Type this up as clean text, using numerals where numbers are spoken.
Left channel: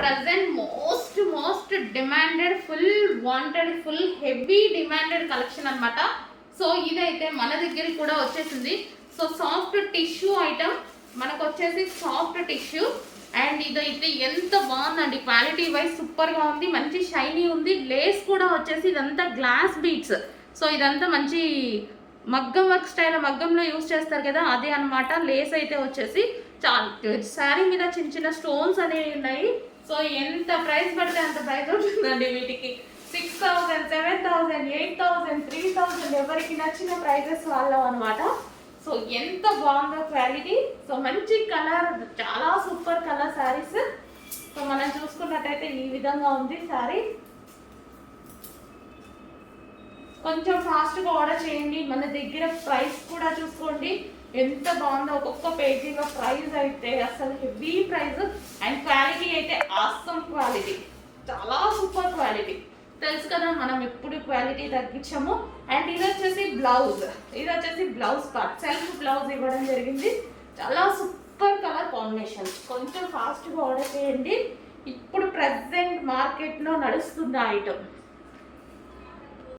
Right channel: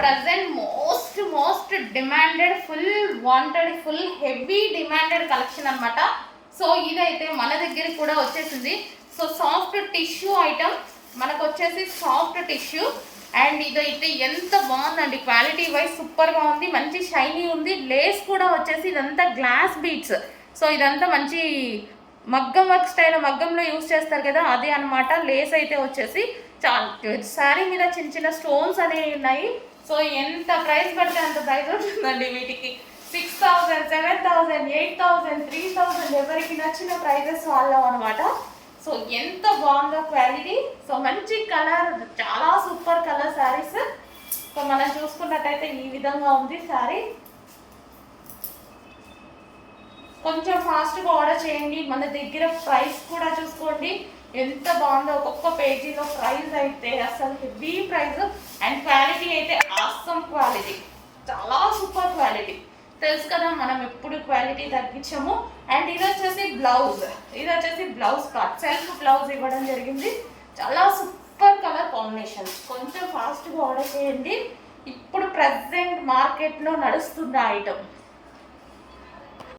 Present most demanded, full wanted, full heavy demanded collection అనమాట. So ఇదైతే మన దగ్గరికి కూడా వచ్చేసింది. సో సాఫ్ట్ టిష్యూ ఐటమ్ మనకు వచ్చేసి సాఫ్ట్ టిష్యూ. అండ్ ఇదైతే ఎంత బాగుందండి, క్వాలిటీ వైజ్ సూపర్గా ఉంది, మంచి షైనీ ఉంది. లేస్ కూడా వచ్చేసి ఇదంతా గ్లాస్ బీడ్స్. సో ఇదంతా మంచి మగ్గం వర్క్ స్టైల్, మగ్గంలో యూజ్ చేస్తారు కదా, అదే అనమాట. లేస్ అయితే వచ్చేసి చాలా శారీ మీద చిన్న చిన్న స్టోన్స్ అనేవి ఉన్నాయి. సో ఎంత ప్రైస్ పడితే అంత ప్రైస్ ఉంటుందండి వీటికి. 6,000, 7,000, 8,000, 3,000, ఎవరికి నచ్చిన ప్రైజెస్ వాళ్ళ అనమాట. సో ఎంత బాగుందో క్వాలిటీ. సో మంచి కలర్, చాలా సూపర్ కలర్ శారీస్. సో మనం చూసుకున్నట్టయితే ఈ విధంగా ఉంది శారీ. కొంచెం ఫాస్ట్గా ఆర్డర్ చేయండి. మన దగ్గర ప్రైస్ కూడా చూసుకోండి ఎంత బాగుందో. ఒక్కొక్క పేజీలో ప్రైస్ అయితే అసలు హెవీ ప్రైస్. అండ్ క్వాలిటీ అయితే ఆసమ్ క్వాలిటీ, చాలా సూపర్ క్వాలిటీ. తెలుసు కదా మనం ఎప్పుడు క్వాలిటీ తగ్గించాము. అండ్ ఇది వచ్చేసి బ్లౌజ్ పార్ట్, సెల్ఫ్ బ్లౌజ్ ఇవ్వడం జరిగింది. చాలా సూపర్ కలర్ కాంబినేషన్. కొంచెం ఫాస్ట్గా ఆర్డర్ చేయండి. ఇప్పుడు ప్రజెంట్ మార్కెట్లో నడుస్తుంది ఐటమ్.